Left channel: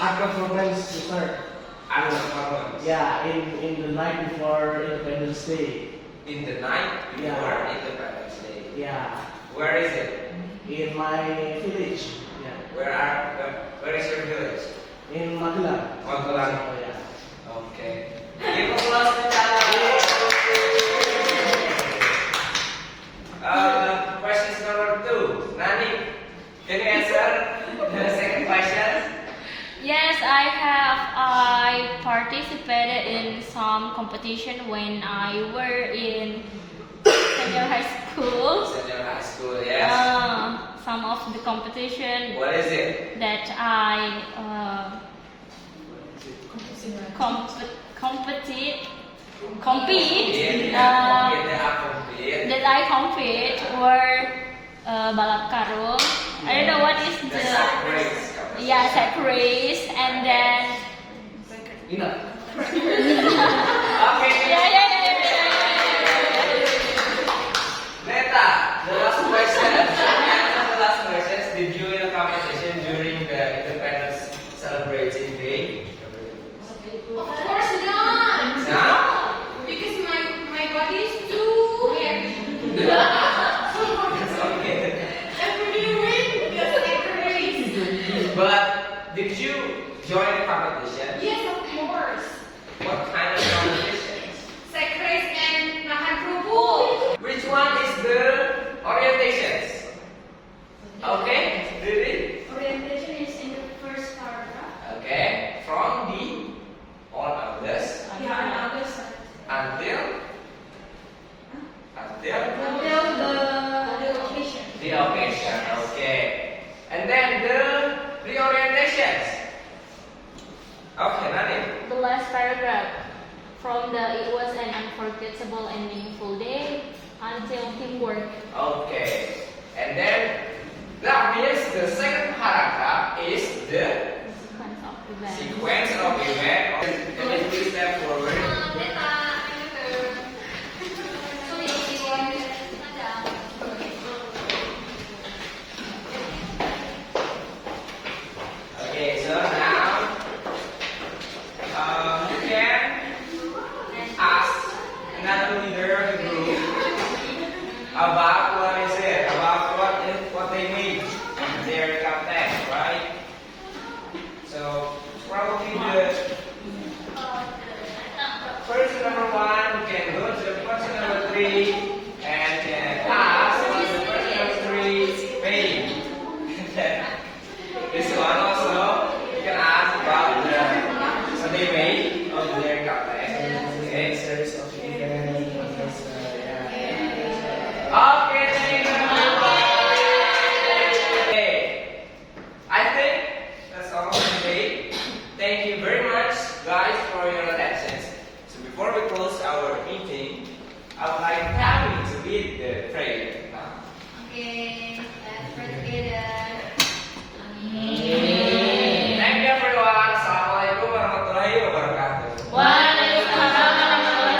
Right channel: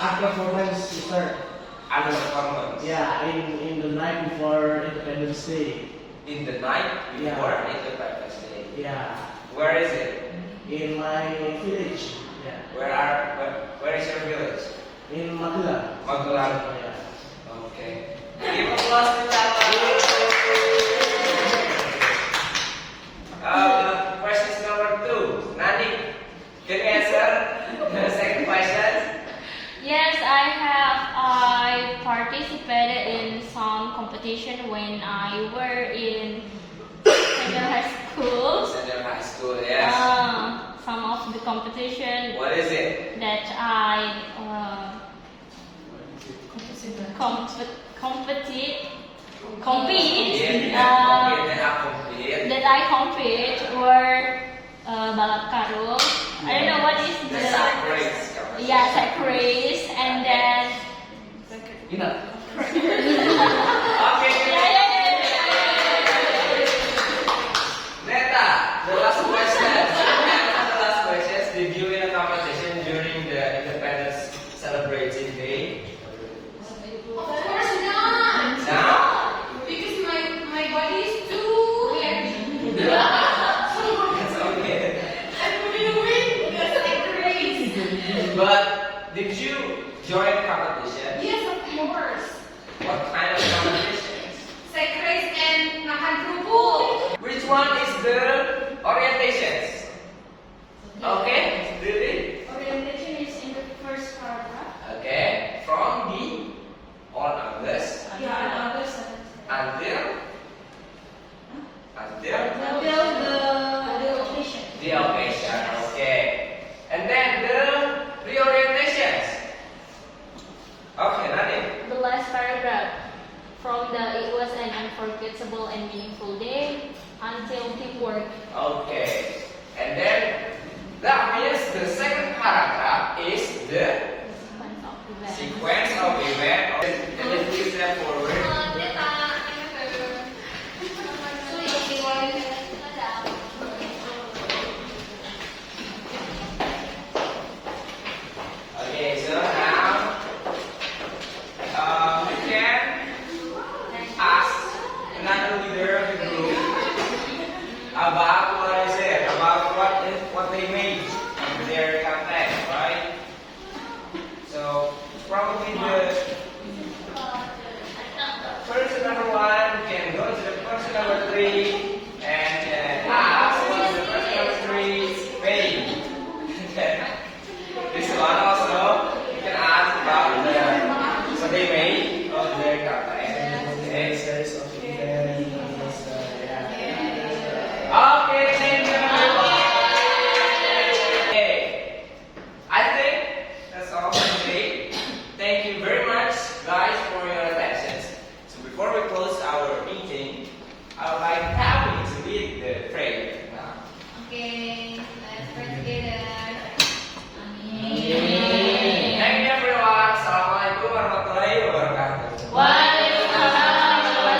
act of performance to start. Annual performance. Yeah, in the night before Independence Day. In the night before Yeah. Independence Day. Yeah, Where is it? in my village. Yeah, Where is your village? in Magelang. Magelang. Oh, yeah. Okay. Give applause to Tata. Question number 2. Nani, can you answer the second question? Yes, I participated in some competition when I were in senior high school. Senior high school, yes. Some of the competition What is it? that I compete that I compete were balap karung. I don't know what is The sack race. yeah, sack race, and then Ina. Okay. Neta, the last question. The last question. Did you win a competition during the Independence Celebration Day? Of course not. No? Because my body is too heavy. That's okay. I couldn't win because I crazy. But did you join a competition? Yes, of course. What kind of competition? Sack race and makan kerupuk. Which one is the orientations? Okay, really? orientation is in the first paragraph. Okay, from the on August Yeah, and others. until Until the occasion. the occasion. Okay, and then the reorientations. Okay, Nani. The last paragraph. From the it was an unforgettable and meaningful day until teamwork. Okay, and then that means the second paragraph is the Sequence of events. sequence of event. Can you please step forward? Okay, so now you can ask another leader of the group about what is it, about what they made in their content, right? So probably the person number 1 can go to the person number 3 and ask what the person number 3 made. This one also you can ask about what they made.